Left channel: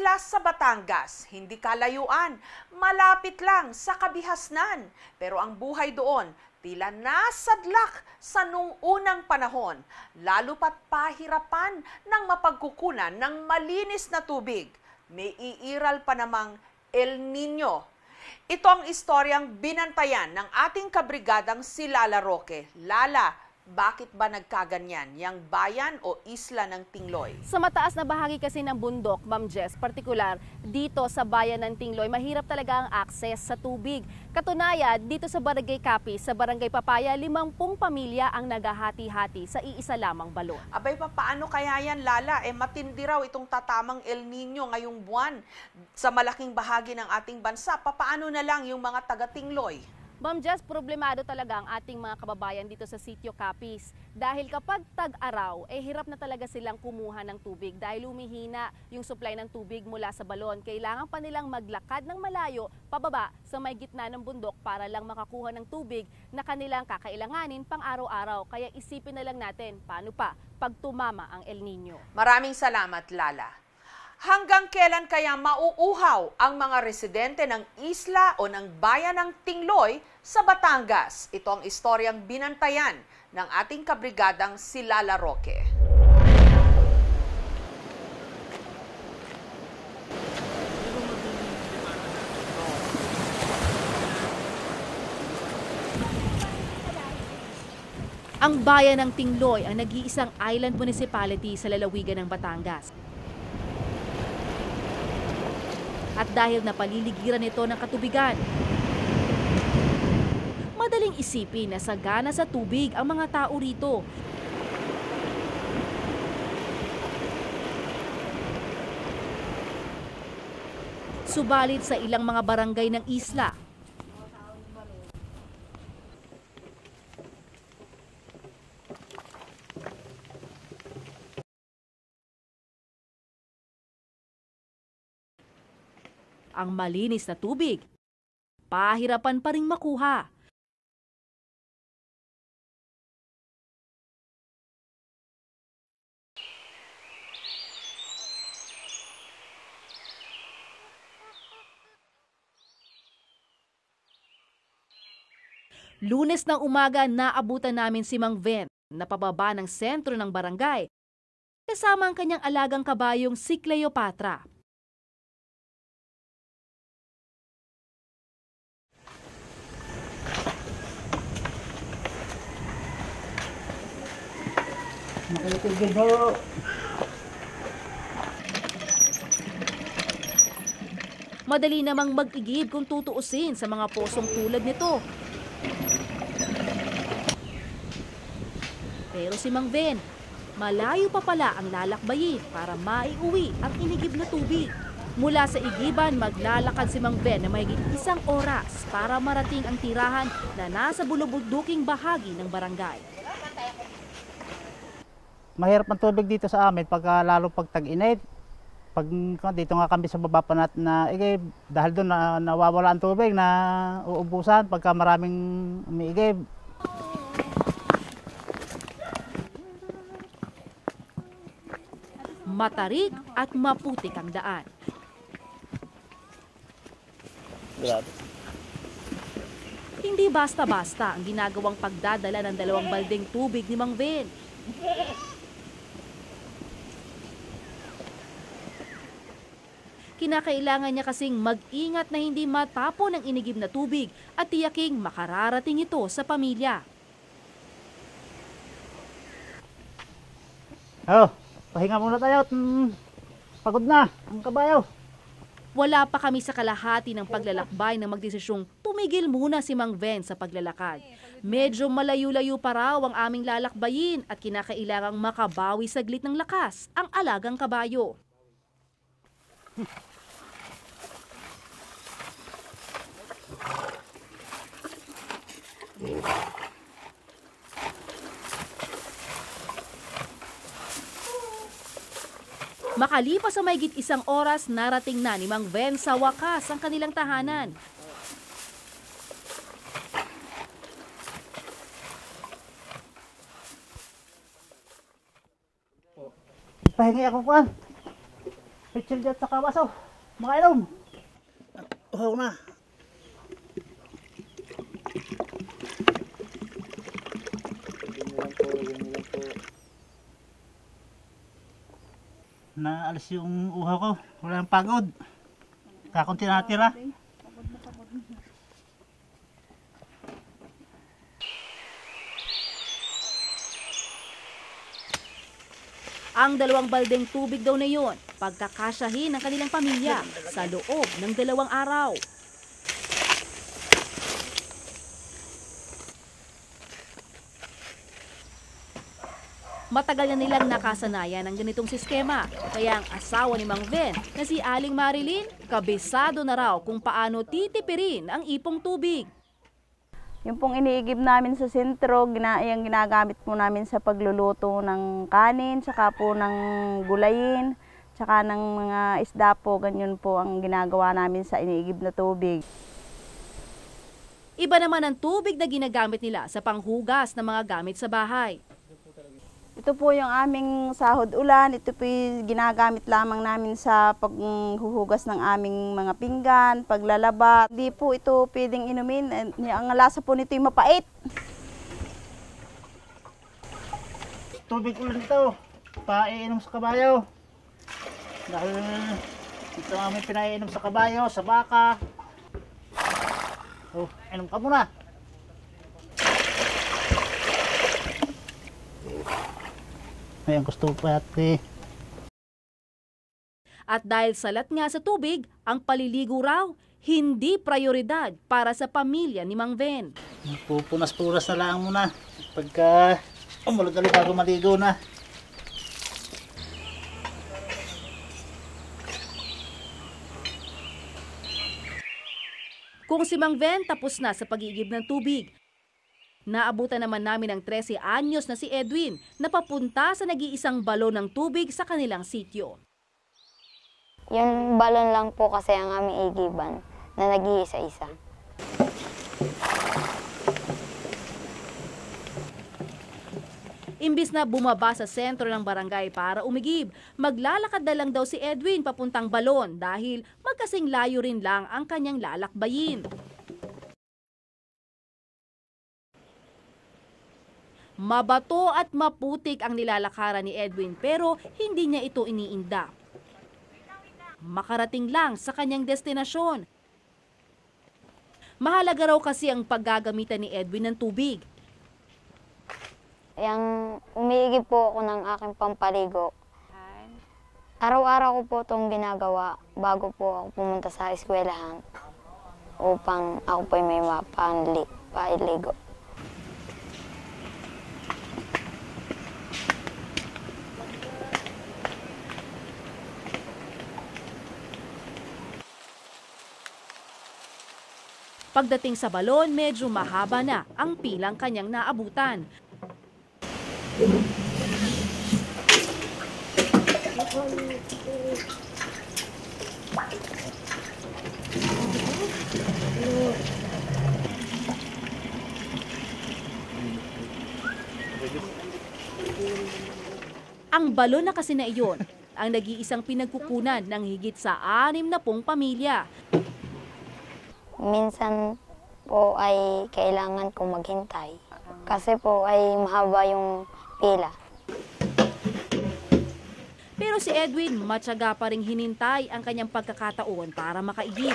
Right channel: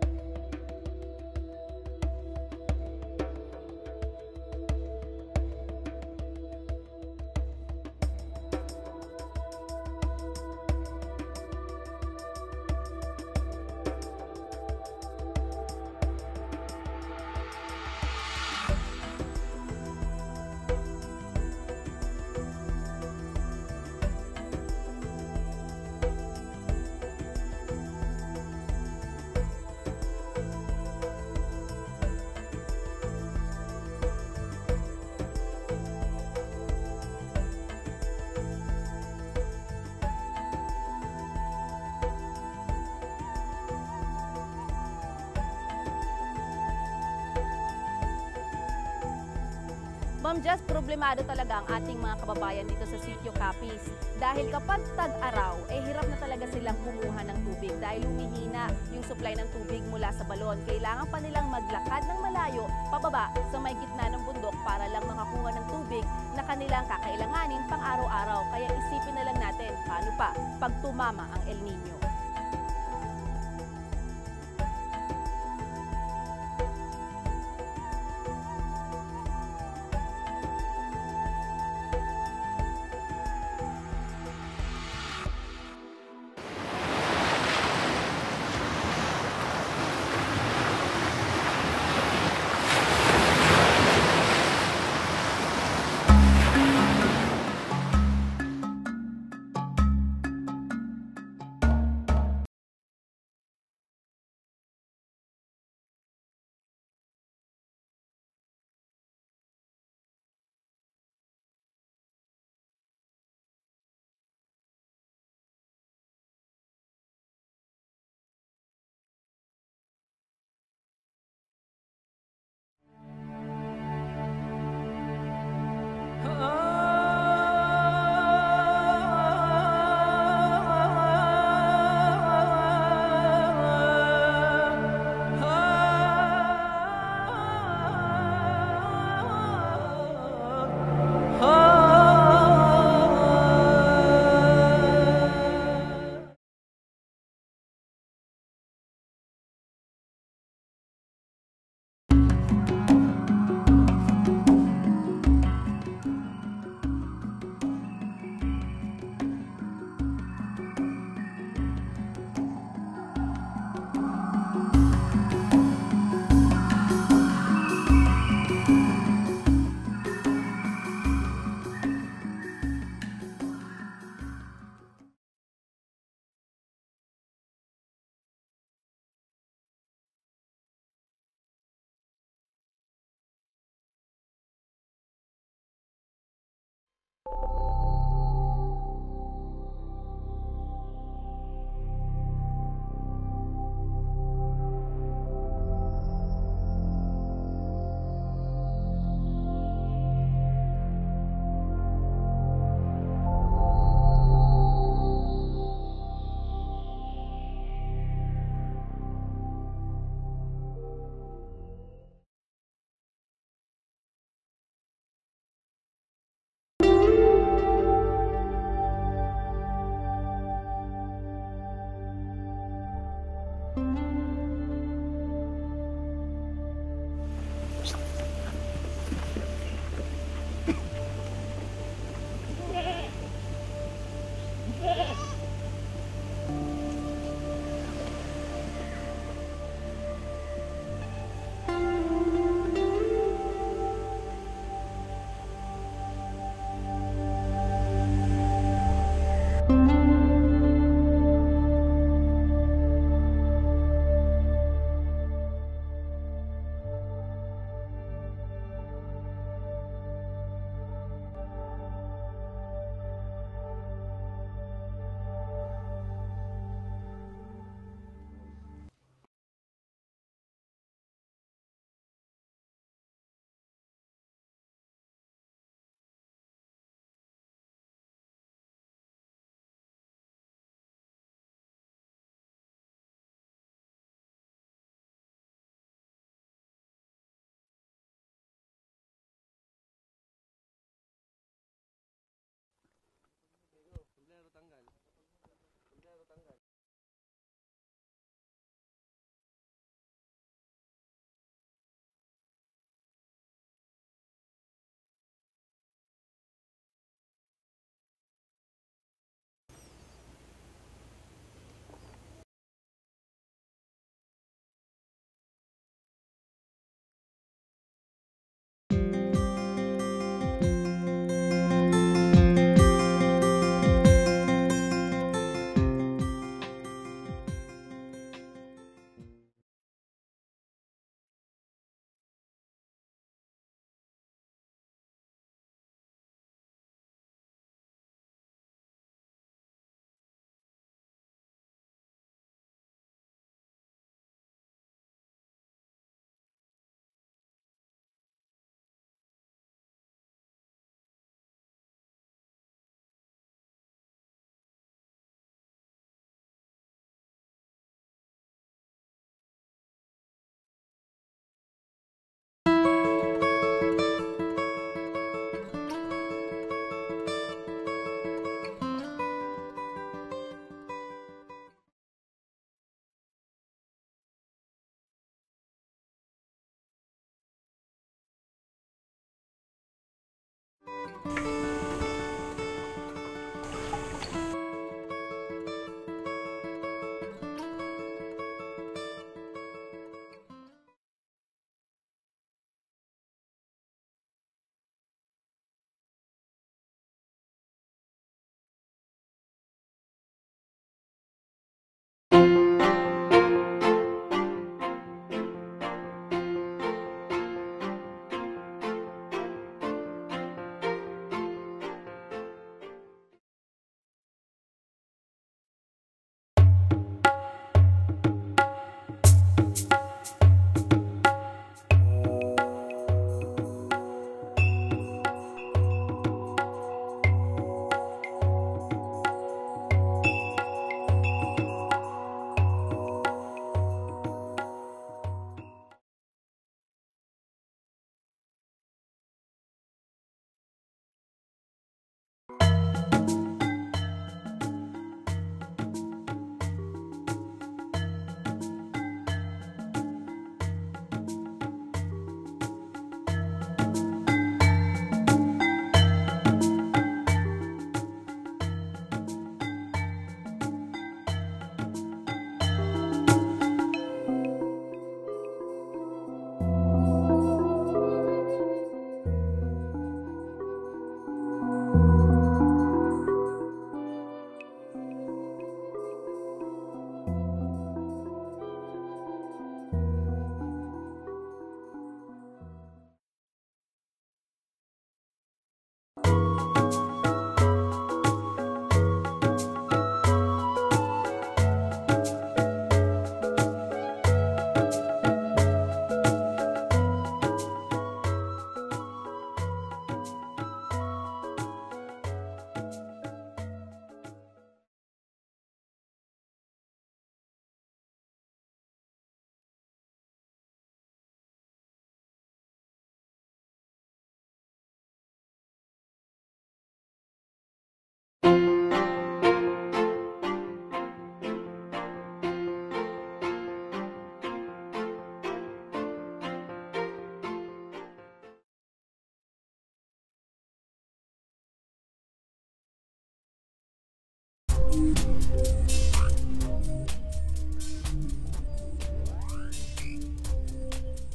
isla sa Batangas, hindi kalayuan, malapit lang sa kabihasnan. Pero ang buhay doon, tila nasadlak sa nung unang panahon, lalo pat pahirapan ng mapagkukunan ng malinis na tubig. May iiral pa namang El Nino. Ito ang istoryang binantayan ng ating kabrigadang si Lala Roque. Lala, bakit ba nagkaganyan yang bayan o isla ng Tingloy? Sa mataas na bahagi kasi ng bundok, Ma'am Jess, partikular dito sa bayan ng Tingloy, mahirap talaga ang access sa tubig. Katunayan, dito sa Barangay Capiz, sa Barangay Papaya, 50 pamilya ang naghahati-hati sa iisa lamang balon. Abay, paano kaya yan, Lala? Matindi raw itong tatamang El Nino ngayong buwan sa malaking bahagi ng ating bansa. Paano na lang yung mga taga-Tingloy? Ma'am Jess, problemado talaga ang ating mga kababayan dito sa Sitio Capiz. Dahil kapag tag-araw, hirap na talaga silang kumuha ng tubig dahil humihina yung supply ng tubig mula sa balon. Kailangan pa nilang maglakad ng malayo pababa sa may gitna ng bundok para lang makakuha ng tubig na kanilang kakailanganin pang araw-araw. Kaya isipin na lang natin paano pa pag tumama ang El Nino. Maraming salamat, Lala. Hanggang kailan kaya mauuhaw ang mga residente ng isla o ng bayan ng Tingloy sa Batangas? Ito ang istoryang binantayan ng ating kabrigadang si Lala Roque. Ang bayan ng Tingloy ang nag-iisang island municipality sa lalawigan ng Batangas. At dahil napaliligiran ito ng katubigan, madaling isipin na sagana sa tubig ang mga tao rito. Subalit sa ilang mga barangay ng isla, malinis na tubig, pahirapan pa rin makuha. Lunes ng umaga, naabutan namin si Mang Ven na pababa ng sentro ng barangay, kasama ang kanyang alagang kabayong si Cleopatra. Madali namang mag-igib kung tutuusin sa mga posong tulad nito. Pero si Mang Ven, malayo pa pala ang lalakbayin para maiuwi ang inigib na tubig. Mula sa igiban, maglalakad si Mang Ven na mahigit 1 oras para marating ang tirahan na nasa bulubuduking bahagi ng barangay. Mahirap ang tubig dito sa amin lalo pag tag-init. Pag dito nga kami sa baba pa natin na dahil doon nawawala ang tubig na uubusan pagka maraming umiigib. Matarik at maputik ang daan. Hindi basta-basta ang ginagawang pagdadala ng 2 baldeng tubig ni Mang Ven. Kinakailangan niya kasing mag-ingat na hindi matapon ang inigib na tubig at tiyaking makararating ito sa pamilya. Pahinga muna tayo. Pagod na ang kabayo. Wala pa kami sa kalahati ng paglalakbay na magdesisyong tumigil muna si Mang Ven sa paglalakad. Medyo malayo-layo pa raw ang aming lalakbayin at kinakailangang makabawi saglit ng lakas ang alagang kabayo. Makalipas sa mahigit 1 oras, narating na ni Mang Ven sa wakas ang kanilang tahanan. Pahingi ako pa. Pitsil dyan sa kawaso. Makainom. At uhaw na. Naalis yung uhaw ko. Wala nang pagod. Kakunti natira. Ang 2 baldeng tubig daw na yon, pagkakasyahin ng kanilang pamilya sa loob ng 2 araw. Matagal na nilang nakasanayan ng ganitong sistema, kaya ang asawa ni Mang Ven na si Aling Marilyn, kabisado na raw kung paano titipirin ang ipong tubig. Yung pong iniigib namin sa sentro, yung ginagamit po namin sa pagluluto ng kanin, tsaka po ng gulayin, tsaka ng mga isda po, ganyan po ang ginagawa namin sa iniigib na tubig. Iba naman ang tubig na ginagamit nila sa panghugas ng mga gamit sa bahay. Ito po yung aming sahod ulan, ito po yung ginagamit lamang namin sa paghuhugas ng aming mga pinggan, paglalaba. Hindi po ito pwedeng inumin, ang lasa po nito yung mapait. Tubig ulan ito. Paiinom sa kabayo. Dahil ito ang aming pinaiinom sa kabayo, sa baka. Oh, inom ka muna. Ayan, gusto pa ate. At dahil salat nga sa tubig, ang paliligo raw hindi prioridad para sa pamilya ni Mang Ven. Pupunas-punas na lang muna. Pagka umulog-alog bago maligo na. Kung si Mang Ven tapos na sa pagigib ng tubig, naabutan naman namin ang 13 anyos na si Edwin na papunta sa nag-iisang balon ng tubig sa kanilang sityo. Yung balon lang po kasi ang aming igiban na nag-iisa-isa. Imbis na bumaba sa sentro ng barangay para umigib, maglalakad na lang daw si Edwin papuntang balon dahil magkasing layo rin lang ang kanyang lalakbayin. Mabato at maputik ang nilalakaran ni Edwin pero hindi niya ito iniinda. Makarating lang sa kanyang destinasyon. Mahalaga raw kasi ang paggagamitan ni Edwin ng tubig. Yang umiigib po ako ng aking pampaligo. Araw-araw ko po itong ginagawa bago po ako pumunta sa eskwelahan upang ako po may mapailigo. Pagdating sa balon, medyo mahaba na ang pilang kanyang naabutan. Ang balon na kasi na iyon ang nag-iisang pinagkukunan ng higit sa 60 pamilya. Minsan po ay kailangan kong maghintay kasi po ay mahaba yung pila. Pero si Edwin matyaga pa ring hinintay ang kanyang pagkakataon para makaigib.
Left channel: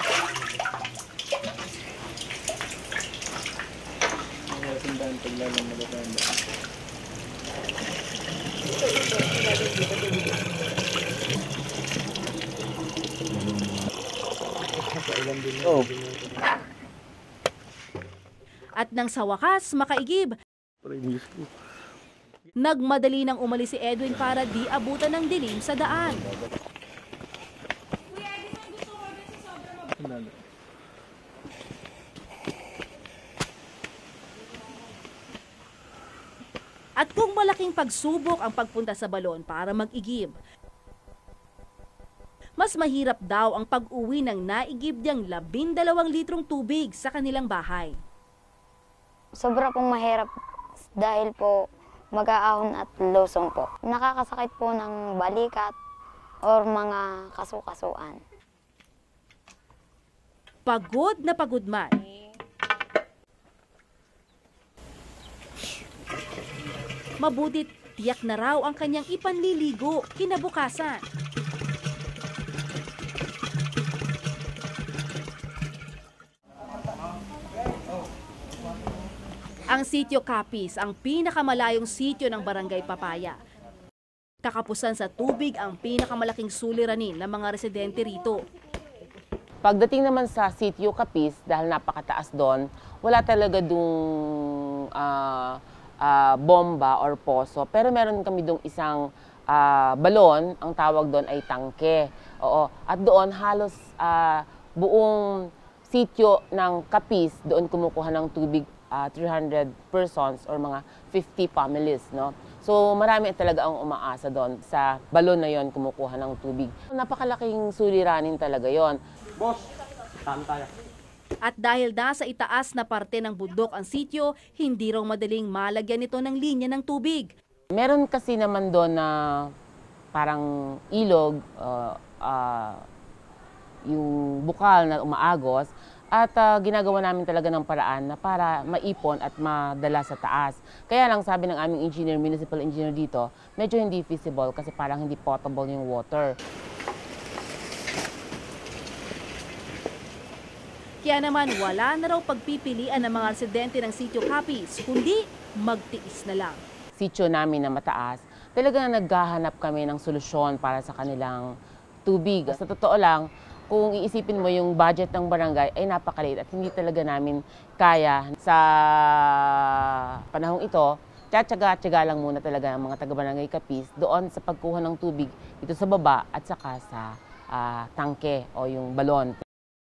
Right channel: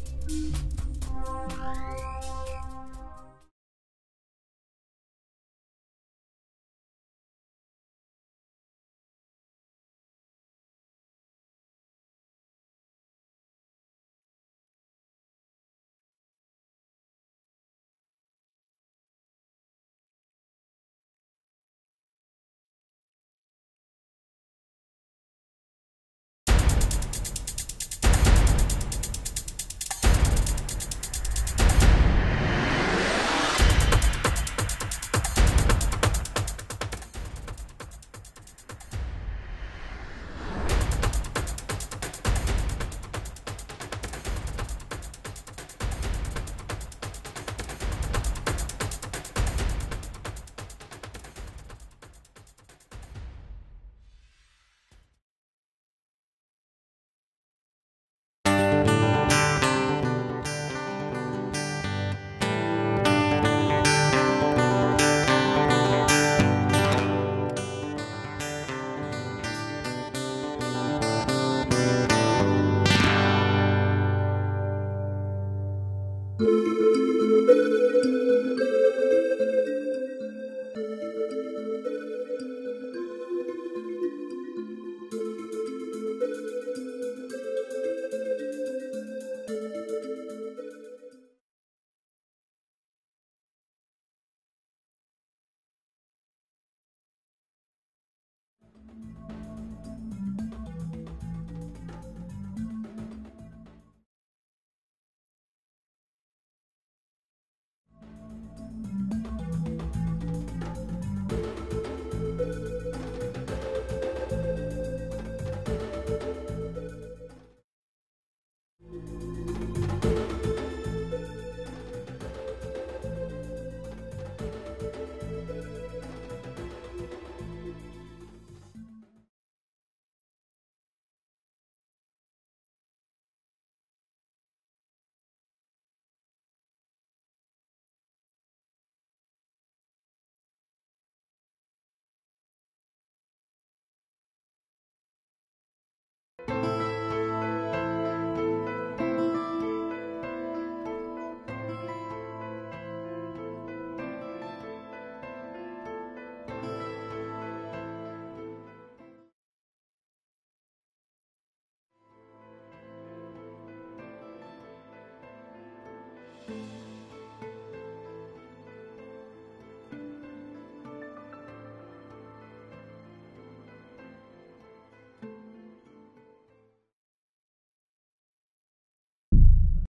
At nang sa wakas makaigib, nagmadali nang umalis si Edwin para di abutan ng dilim sa daan. At kung malaking pagsubok ang pagpunta sa balon para mag-igib, mas mahirap daw ang pag-uwi ng naigib niyang 12 litrong tubig sa kanilang bahay. Sobra pong mahirap dahil po mag-aahon at lusong po. Nakakasakit po ng balikat or mga kasukasuan. Pagod na pagod man. Mabutit tiyak na raw ang kanyang ipanliligo kinabukasan. Ang Sitio Capiz ang pinakamalayong sitio ng Barangay Papaya. Kakapusan sa tubig ang pinakamalaking suliranin ng mga residente rito. Pagdating naman sa Sitio Capiz, dahil napakataas doon, wala talaga dung bomba or poso. Pero meron kami doon isang balon, ang tawag doon ay tangke. Oo. At doon halos buong sitio ng Capiz, doon kumukuha ng tubig 300 persons or mga 50 families, no? So marami talaga ang umaasa doon sa balon na yon kumukuha ng tubig. Napakalaking suliranin talaga yon. At dahil nasa itaas na parte ng bundok ang sitio, hindi raw madaling malagyan ito ng linya ng tubig. Meron kasi naman doon na parang ilog, yung bukal na umaagos, at ginagawa namin talaga ng paraan na para maipon at madala sa taas. Kaya lang sabi ng aming engineer, municipal engineer dito, medyo hindi feasible kasi parang hindi potable yung water. Kaya naman wala na raw pagpipilian ng mga residente ng Sitio Capiz, kundi magtiis na lang. Sitio namin na mataas, talagang naghahanap kami ng solusyon para sa kanilang tubig. Sa totoo lang, kung iisipin mo yung budget ng barangay ay napakaliit at hindi talaga namin kaya sa panahong ito. Tiyatsaga lang muna talaga ang mga taga-barangay Capiz doon sa pagkuha ng tubig dito sa baba at saka sa tangke o yung balon.